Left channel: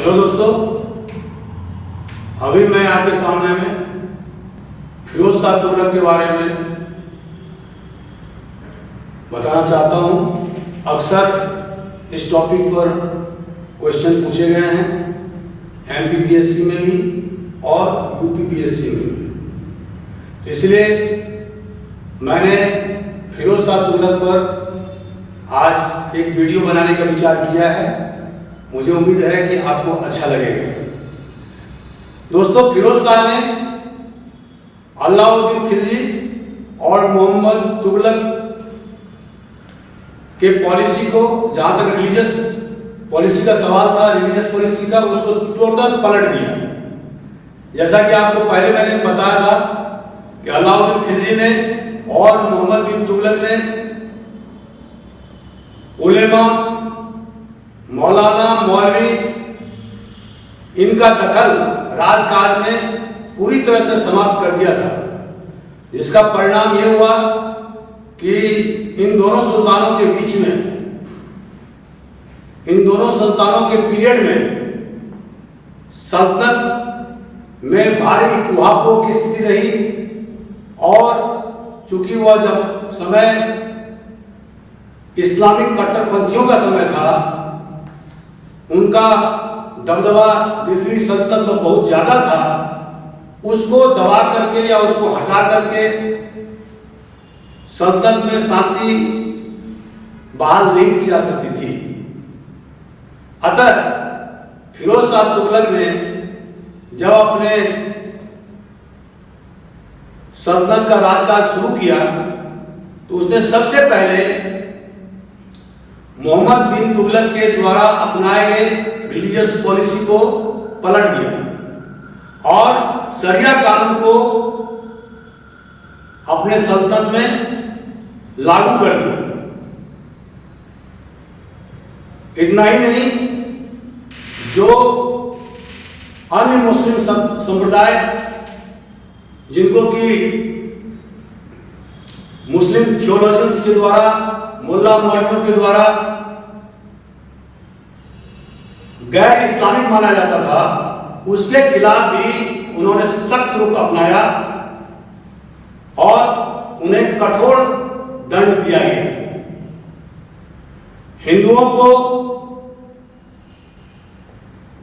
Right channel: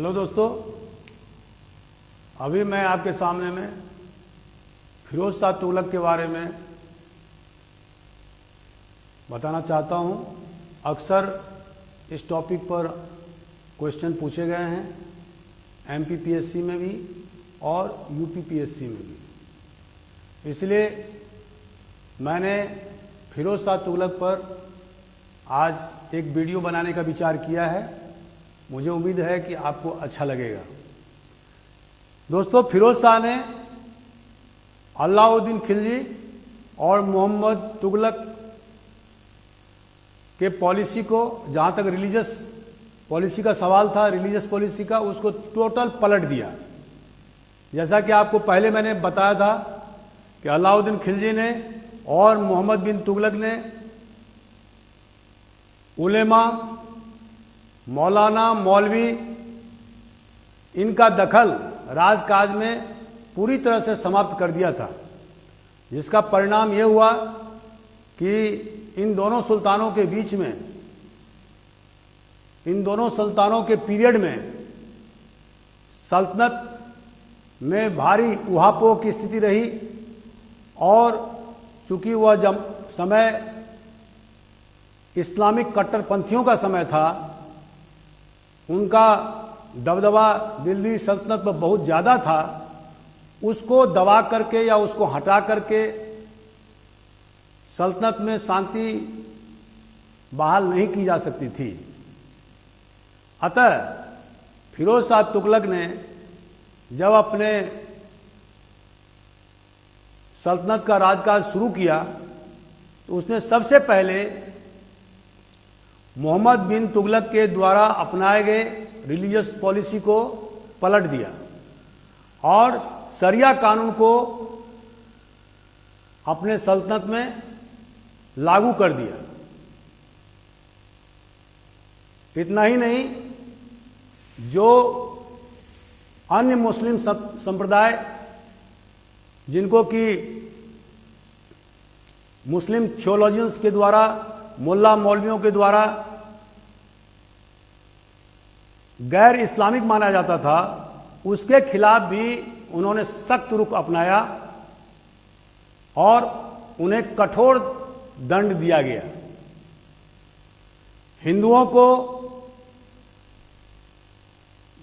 Hello दोस्तों, अभी मैं आपके सामने में फिरोज शाह तुगलक के बारे में बताना चाहता हूँ। अक्सर इस टॉपिक पर क्वेश्चन पूछे गए हैं एमपीपीएससी में भी और यूपीपीएससी में भी, इसलिए मैंने फिरोज शाह तुगलक पर आज एक वीडियो बनाने का विचार किया है। मुझे उम्मीद है कि आपको अच्छा लगेगा। दोस्तों, फिरोज शाह ने अलाउद्दीन खिलजी और मोहम्मद तुगलक के पॉलिसी को, जहां तक रिलीजियस पॉलिसी का सवाल था, रिलीजियस पॉलिसी का, उसको टोटल पलट दिया। जैसा कि आपको पहले मैंने बताया था कि अलाउद्दीन खिलजी ने और मोहम्मद बिन तुगलक ने उलेमा, मौलाना, मौलवी, इनका दखल राजकाज में पूरी तरह से समाप्त कर दिया था, जिसका परिणाम यह हुआ कि इन दोनों सुल्तानों के बीच में, इन दोनों सुल्तानों के पीरियड में सल्तनत में भारी उहापोह की स्थिति रही। और चूंकि वह जब समय इस्लामिक कट्टरपंथियों का समय था, उनका दबदबा दिल्ली सल्तनत में बहुत ज्यादा था। उसको दबा करके या उसको हटा करके सल्तनत में शांति बहाल नहीं की जा सकती थी। अतः फिरोज शाह तुगलक ने जब अपने सल्तनत का राजकाज शुरू किया तो उसने सबसे पहले मोहम्मद बिन तुगलक के द्वारा अपनाए गए रिलीजियस पॉलिसी को पलट दिया और शरिया कानून को अपने सल्तनत में लागू कर दिया। इतना ही नहीं, जो अन्य मुस्लिम संप्रदाय, जिनको कि मुस्लिम थियोलॉजियंस के द्वारा, मुल्ला मौलवियों के द्वारा गैर इस्लामिक माना जाता था, उसके खिलाफ भी उन्होंने सख्त रुख अपनाया और उन्हें कठोर दंड दिया गया। हिंदुओं को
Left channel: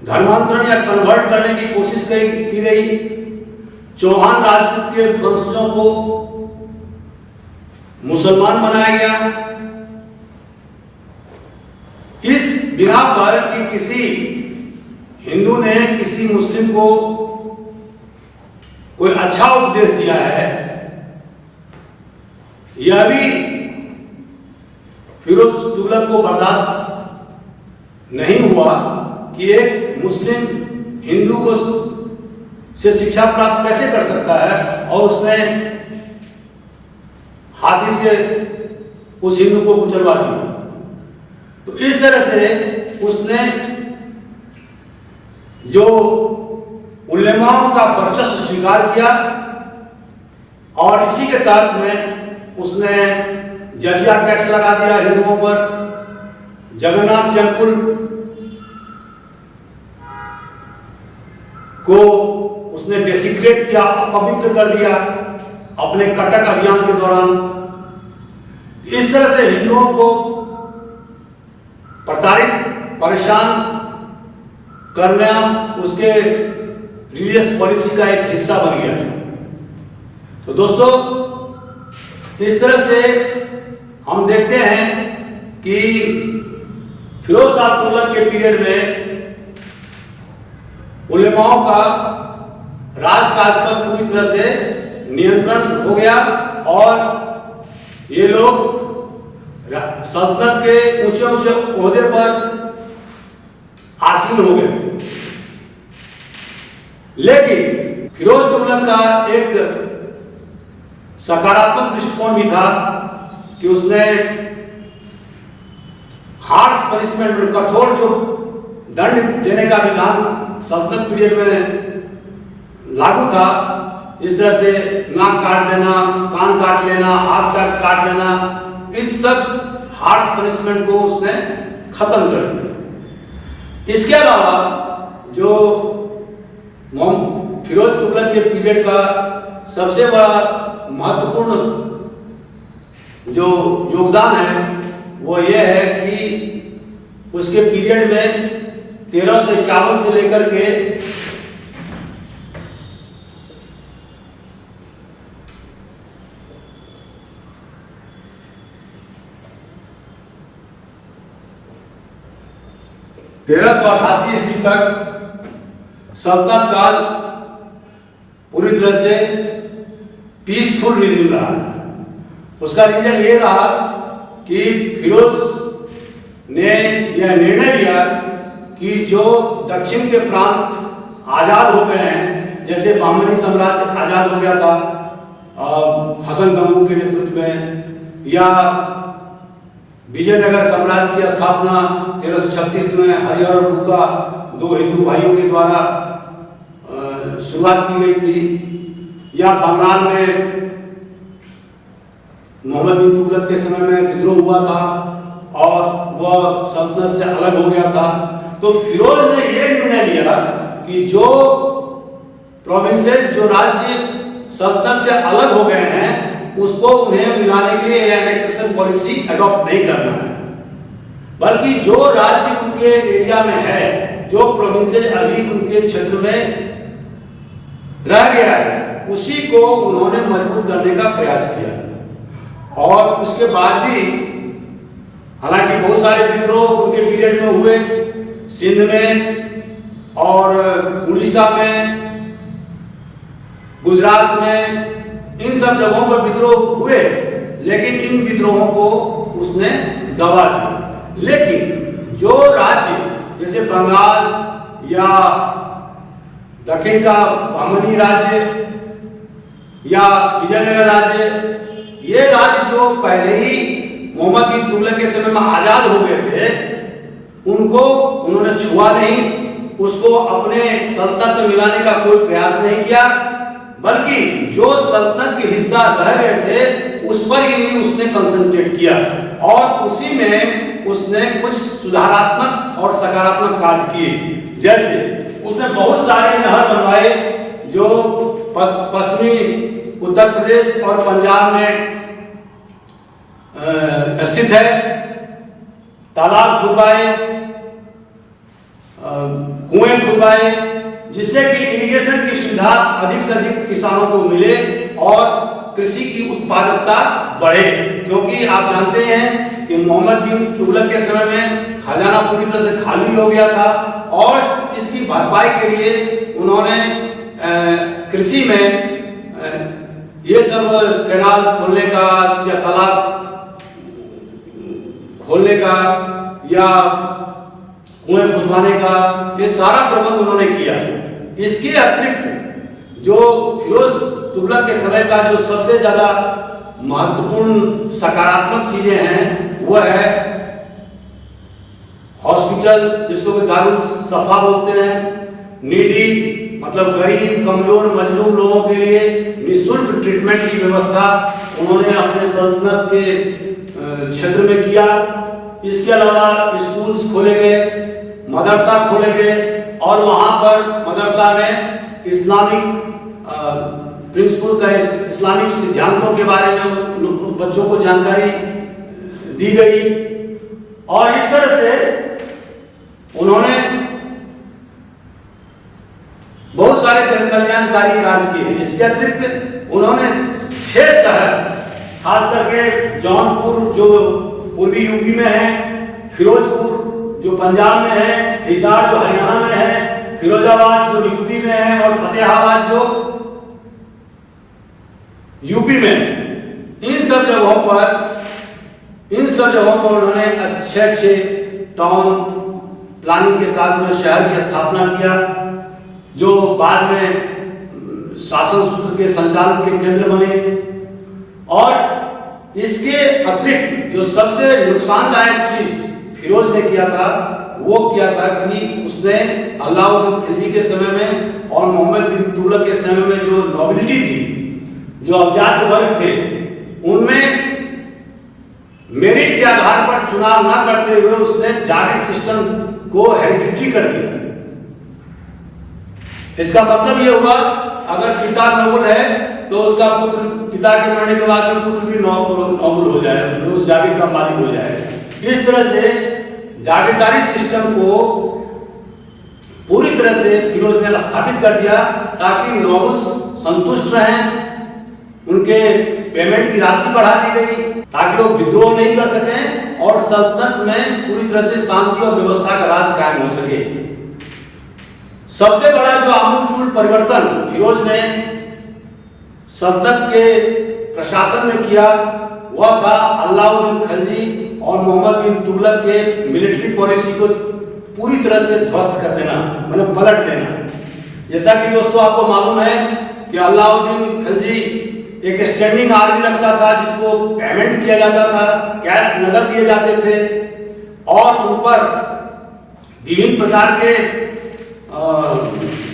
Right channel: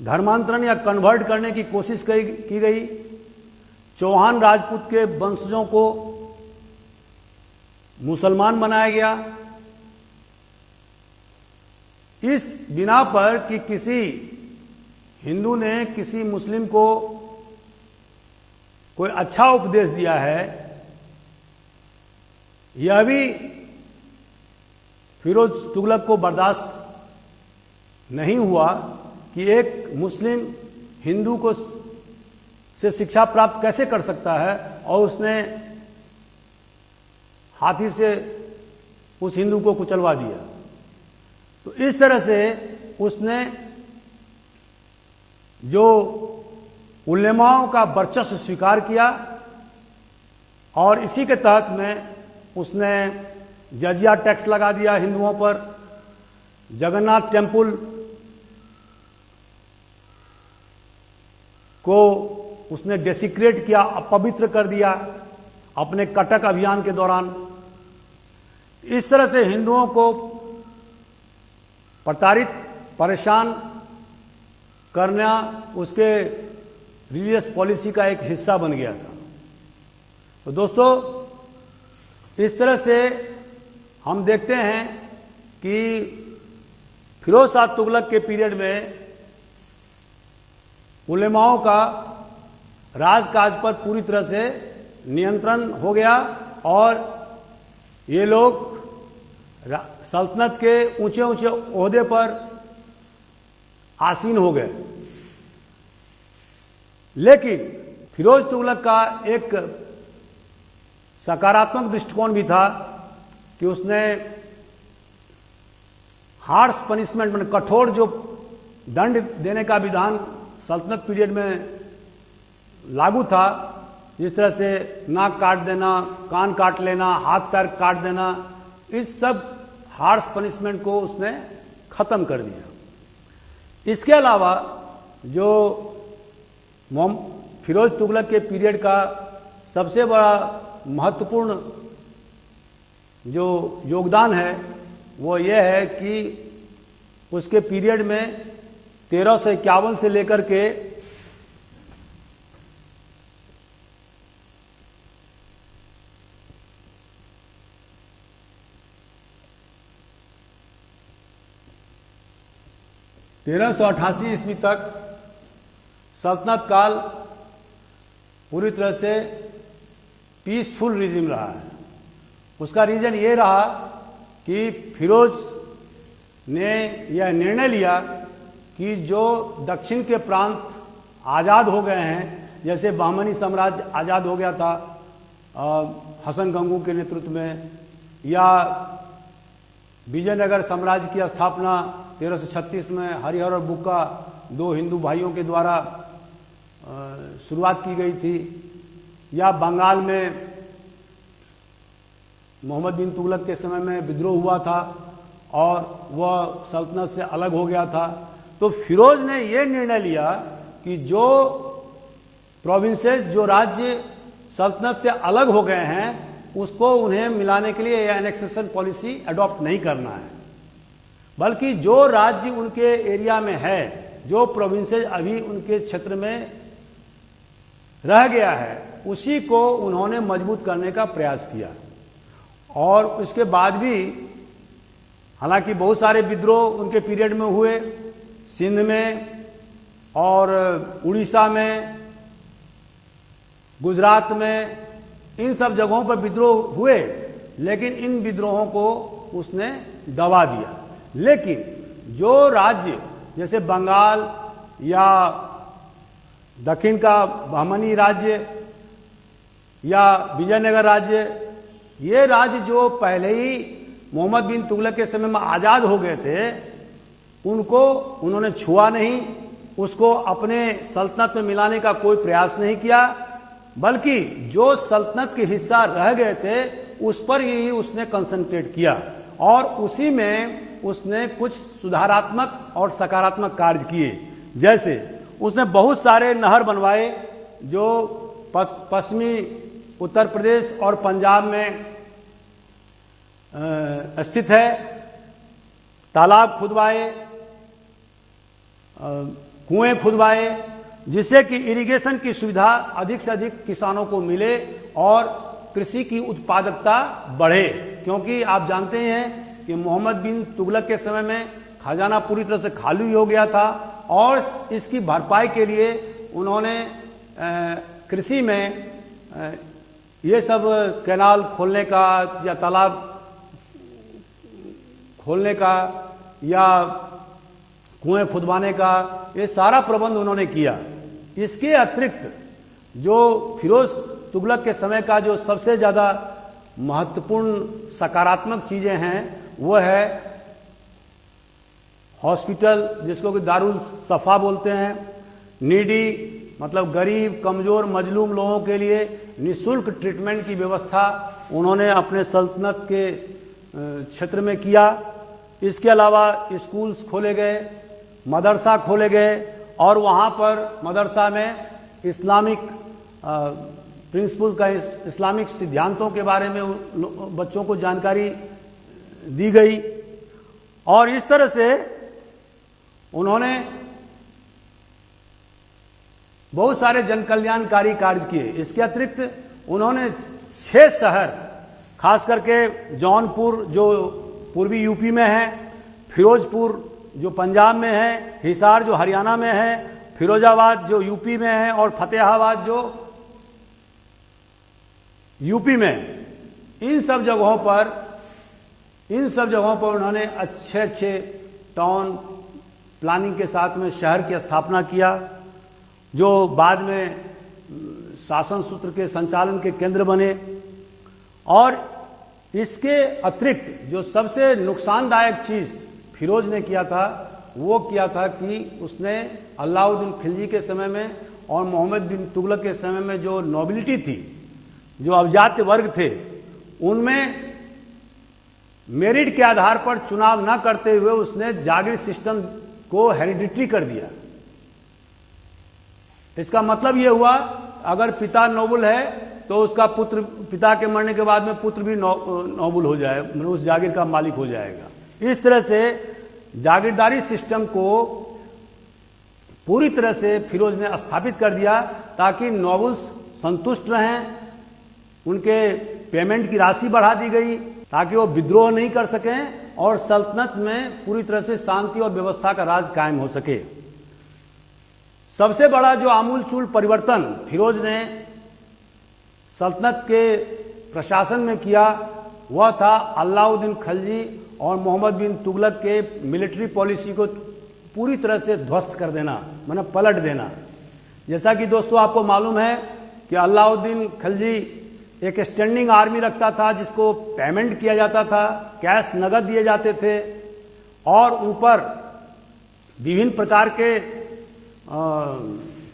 धर्मांतरण या कन्वर्ट करने की कोशिश की गई। चौहान राजपूत के वंशजों को मुसलमान बनाया गया, इस बिना पर कि किसी हिंदू ने किसी मुस्लिम को कोई अच्छा उपदेश दिया है। यह भी फिरोज तुगलक को बर्दाश्त नहीं हुआ कि एक मुस्लिम हिंदू को से शिक्षा प्राप्त कैसे कर सकता है, और उसने हाथी से उस हिंदू को कुचलवा दिया। तो इस तरह से उसने जो उलेमाओं का वर्चस्व स्वीकार किया और इसी के तहत में उसने जजिया टैक्स लगा दिया हिंदुओं पर। जगन्नाथ टेम्पल को उसने डेसिक्रेट किया, अपवित्र कर दिया अपने कटक अभियान के दौरान। इस तरह से हिंदुओं को प्रताड़ित, परेशान करना उसके रिलीजियस पॉलिसी का एक हिस्सा बन गया था। तो दोस्तों, इस तरह से हम देखते हैं कि फिरोज शाह तुगलक के पीरियड में उलेमाओं का राजकाज पर पूरी तरह से नियंत्रण हो गया और ये लोग सल्तनत के ऊंचे ऊंचे ओहदे पर आसीन हो गए। लेकिन फिरोज तुगलक का एक सकारात्मक दृष्टिकोण भी था कि उसने हार्श पनिशमेंट, कठोर जो दंड देने का विधान सल्तनत पीरियड में लागू था, जिस तरह से नाक काट देना, कान काट लेना, हाथ काट देना, इस सब हार्श पनिशमेंट को उसने खत्म कर दिया। इसके अलावा जो फिरोज तुगलक के पीरियड का सबसे बड़ा महत्वपूर्ण जो योगदान है वो ये है कि उसके पीरियड में 1351 से लेकर के 1388 ईस्वी तक सल्तनत काल पूरी तरह से पीसफुल रिजिम रहा। उसका रीजन ये रहा कि फिरोज ने यह निर्णय लिया कि जो दक्षिण के प्रांत आजाद हो गए हैं, जैसे बहमनी साम्राज्य आजाद हो गया था हसन गंगू के नेतृत्व में, या विजयनगर साम्राज्य की स्थापना 1336 में हरिहर और बुग्गा दो हिंदू भाइयों के द्वारा शुरुआत की गई थी, या बंगाल में मोहम्मद बिन तुगलक के समय में विद्रोह हुआ था और वह सल्तनत से अलग हो गया था। तो फिरोज ने यह निर्णय लिया कि जो प्रोविंसेस, जो राज्य सल्तनत से अलग हो गए हैं, उसको उन्हें मिलाने के लिए एनेक्सेशन पॉलिसी अडॉप्ट नहीं करना है, बल्कि जो राज्य उनके एरिया में है, जो प्रोविंसेस अभी उनके क्षेत्र में रह गया है, उसी को उन्होंने मजबूत करने का प्रयास किया। और उसके बाद भी हालांकि बहुत सारे विद्रोह उनके पीरियड में हुए, सिंध में और उड़ीसा में, गुजरात में, इन सब जगहों पर विद्रोह हुए, लेकिन इन विद्रोहों को उसने दबा दिया। लेकिन जो राज्य जैसे बंगाल या दक्षिण का बहमनी राज्य या विजयनगर राज्य, ये राज्य जो पहले ही मोहम्मद बिन तुगलक के समय में आजाद हो गए थे, उनको उन्होंने छुआ नहीं, उसको अपने सल्तनत में मिलाने का कोई प्रयास नहीं किया, बल्कि जो सल्तनत के हिस्सा रह गए थे उस पर ही उसने कंसंट्रेट किया और उसी में उसने कुछ सुधारात्मक और सकारात्मक कार्य किए। जैसे उसने बहुत सारे नहर बनवाए जो पश्चिमी उत्तर प्रदेश और पंजाब में स्थित है, तालाब खुदवाए, कुएं खुदवाए, जिससे कि इरिगेशन की सुविधा अधिक से अधिक किसानों को मिले और कृषि की उत्पादकता बढ़े। क्योंकि आप जानते हैं कि मोहम्मद बिन तुगलक के समय में खजाना पूरी तरह से खाली हो गया था और इसकी भरपाई के लिए उन्होंने कृषि में ये सब कैनाल खोलने का या तालाब खोलने का या कुएं खुदवाने का, ये सारा प्रबंध उन्होंने किया। इसके अतिरिक्त जो फिरोज तुगलक के समय का जो सबसे ज्यादा महत्वपूर्ण सकारात्मक चीजें हैं वो है हॉस्पिटल, जिसको कि दारुल सफा बोलते हैं। नीडी मतलब गरीब, कमजोर, मजलूम लोगों के लिए निःशुल्क ट्रीटमेंट की व्यवस्था उन्होंने अपने सल्तनत के क्षेत्र में किया। इसके अलावा स्कूल्स खोले गए, मदरसा खोले गए और वहाँ पर मदरसा में इस्लामिक प्रिंसिपल का, इस्लामिक सिद्धांतों के बारे में बच्चों को जानकारी दी गई और इस तरह से उन्होंने बहुत सारे जनकल्याणकारी कार्य किए। इसके अतिरिक्त उन्होंने 6 शहर, खास करके जौनपुर जो पूर्वी यूपी में है, फिरोजपुर जो पंजाब में है, हिसार जो हरियाणा में है, फिरोजाबाद जो यूपी में है और फतेहाबाद जो यूपी में, इन सब जगहों पर उन्होंने अच्छे टाउन प्लानिंग के साथ में शहर की स्थापना किया, जो बाद में शासन सूत्र के संचालन के केंद्र बने। और इसके अतिरिक्त जो सबसे नुकसानदायक चीज फिरोज ने किया था वो किया था कि उसने अलाउद्दीन खिलजी के समय में और मोहम्मद बिन तुगलक के समय में जो नॉबिलिटी थी, जो अवजात वर्ग थे, उनमें मेरिट के आधार पर चुनाव न करते हुए उसने जागीर सिस्टम को हेरिडिटरी कर दिया। इसका मतलब ये हुआ, अगर पिता नोबल है तो उसका पुत्र, पिता के मरने के बाद में पुत्र भी नोबल हो जाए, उस जागीर का मालिक हो जाए। इस तरह से जागीरदारी सिस्टम को पूरी तरह से फिरोज ने स्थापित कर दिया, ताकि नोबल्स संतुष्ट रहें, उनके पेमेंट की राशि बढ़ा दी गई ताकि वो विद्रोह नहीं कर सकें और सल्तनत में पूरी तरह से शांति और व्यवस्था का राज कायम हो सके। सबसे बड़ा जो आमूलचूल परिवर्तन फिरोज ने सल्तनत के प्रशासन में किया वह था अलाउद्दीन खिलजी और मोहम्मद बिन तुगलक के मिलिट्री पॉलिसी को पूरी तरह से ध्वस्त कर देना, मतलब पलट देना। जैसा कि दोस्तों आपको मालूम है कि अलाउद्दीन खिलजी एक स्टैंडिंग आर्मी रखता था, जिसको पेमेंट किया जाता था, कैश नगद दिए जाते थे और उन पर विभिन्न प्रकार के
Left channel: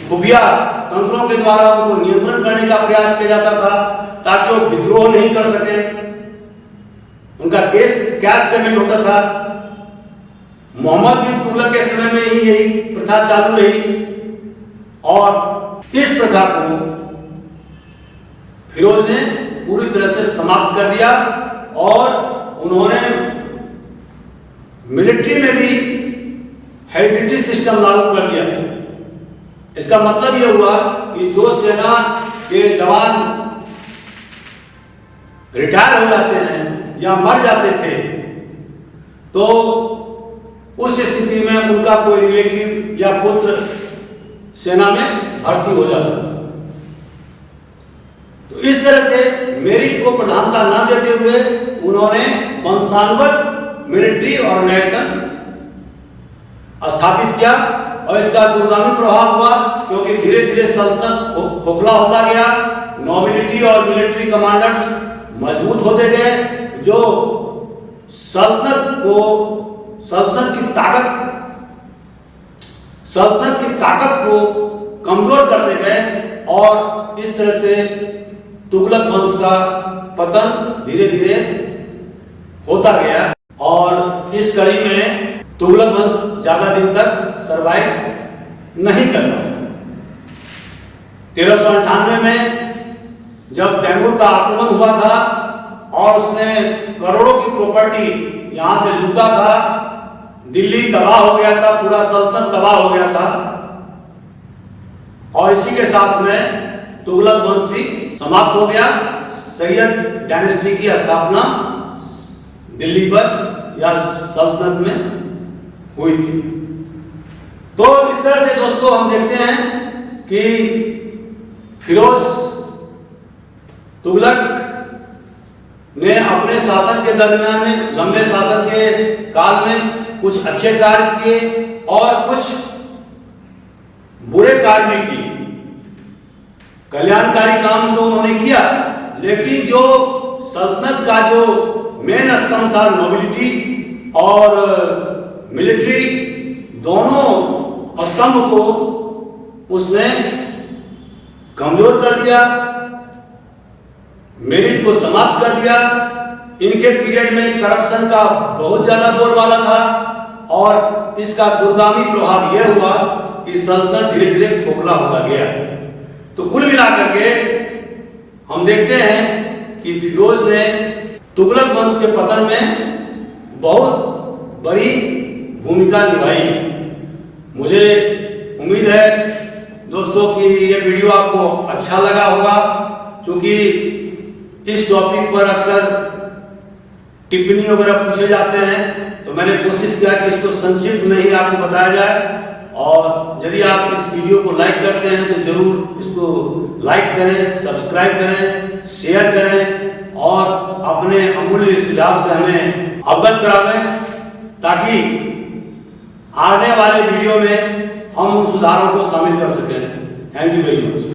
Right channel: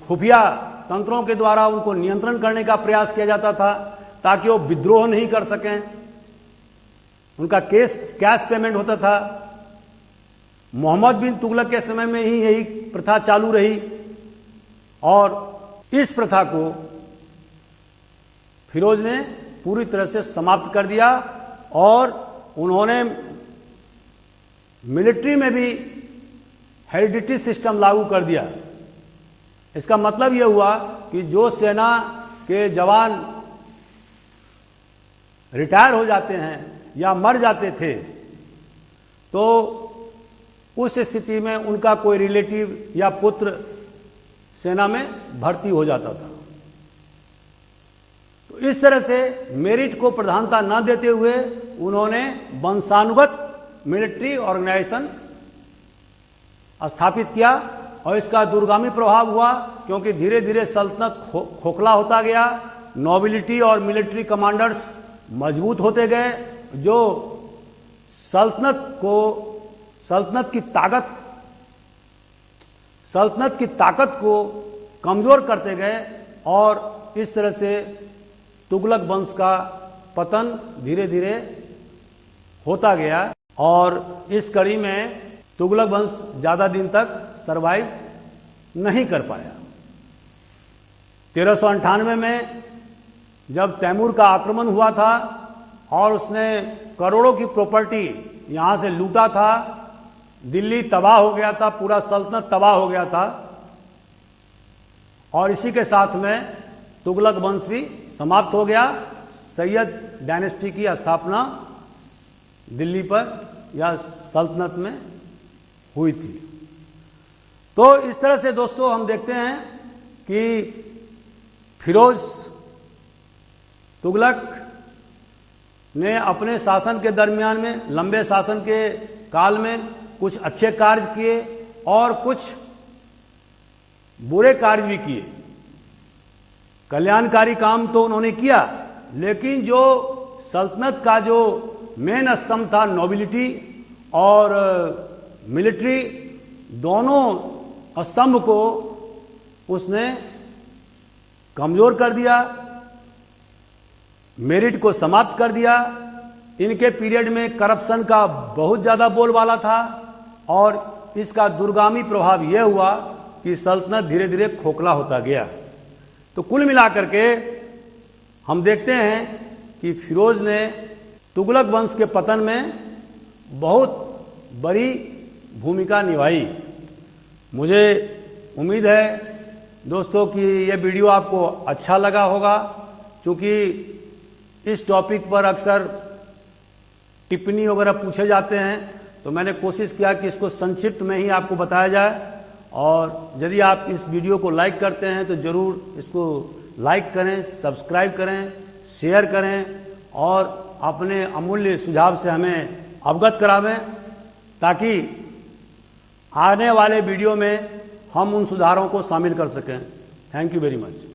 खुफिया तंत्रों के द्वारा उनको नियंत्रण करने का प्रयास किया जाता था ताकि वो विद्रोह नहीं कर सके। उनका कैश पेमेंट होता था। मोहम्मद बिन तुगलक के समय में ही यही प्रथा चालू रही और इस प्रथा को फिरोज ने पूरी तरह से समाप्त कर दिया और उन्होंने मिलिट्री में भी हेरिडिटरी सिस्टम लागू कर दिया। इसका मतलब यह हुआ कि जो सेना के जवान रिटायर हो जाते हैं या मर जाते थे तो उस स्थिति में उनका कोई रिलेटिव या पुत्र सेना में भर्ती हो जाता था। तो इस तरह से मेरिट को प्रधानता न देते हुए उन्होंने वंशानुगत मिलिट्री ऑर्गेनाइजेशन स्थापित किया और इसका दूरगामी प्रभाव हुआ, क्योंकि धीरे धीरे सल्तनत खोखला होता गया, नोबिलिटी और मिलिट्री कमांडर्स मजबूत होते गए, जो सल्तनत की ताकत को कमजोर करते गए और इस तरह से तुगलक वंश का पतन धीरे धीरे होता गया और इस कड़ी में तुगलक वंश ज्यादा दिन तक सरवाइव नहीं कर पाया। 1398 में जब तैमूर का आक्रमण हुआ था और उसने करोड़ों की प्रॉपर्टी यहां से लूटा था, दिल्ली तबाह हो गया था, पूरा सल्तनत तबाह हो गया था और इसी के साथ में तुगलक वंश भी समाप्त हो गया। सैयद डायनेस्टी की स्थापना दिल्ली पर या सल्तनत में हुई थी। तो इस तरह से दोस्तों हम देखते हैं कि फिरोज तुगलक ने अपने शासन के दरमियान में, लंबे शासन के काल में कुछ अच्छे कार्य किए और कुछ बुरे कार्य भी किए। कल्याणकारी काम तो उन्होंने किया, लेकिन जो सल्तनत का जो मेन स्तंभ था, नोबिलिटी और मिलिट्री, दोनों स्तंभ को उसने कमजोर कर दिया, मेरिट को समाप्त कर दिया। इनके पीरियड में करप्शन का बहुत ज्यादा बोलबाला था और इसका दूरगामी प्रभाव यह हुआ कि सल्तनत धीरे धीरे खोखला होता गया। तो कुल मिलाकर के हम देखते हैं कि फिरोज ने तुगलक वंश के पतन में बहुत बड़ी भूमिका निभाई। मुझे उम्मीद है दोस्तों कि ये वीडियो आपको अच्छा लगा होगा, क्योंकि इस टॉपिक पर अक्सर टिप्पणी वगैरह पूछे जाते हैं, तो मैंने कोशिश किया कि इसको संक्षिप्त में ही आपको बताया जाए। और यदि आप इस वीडियो को लाइक करते हैं तो जरूर इसको लाइक करें, सब्सक्राइब करें, शेयर करें और अपने अमूल्य सुझाव से हमें अवगत करावें, ताकि आने वाले वीडियो में हम उन सुधारों को शामिल कर सकें। Thank you very much.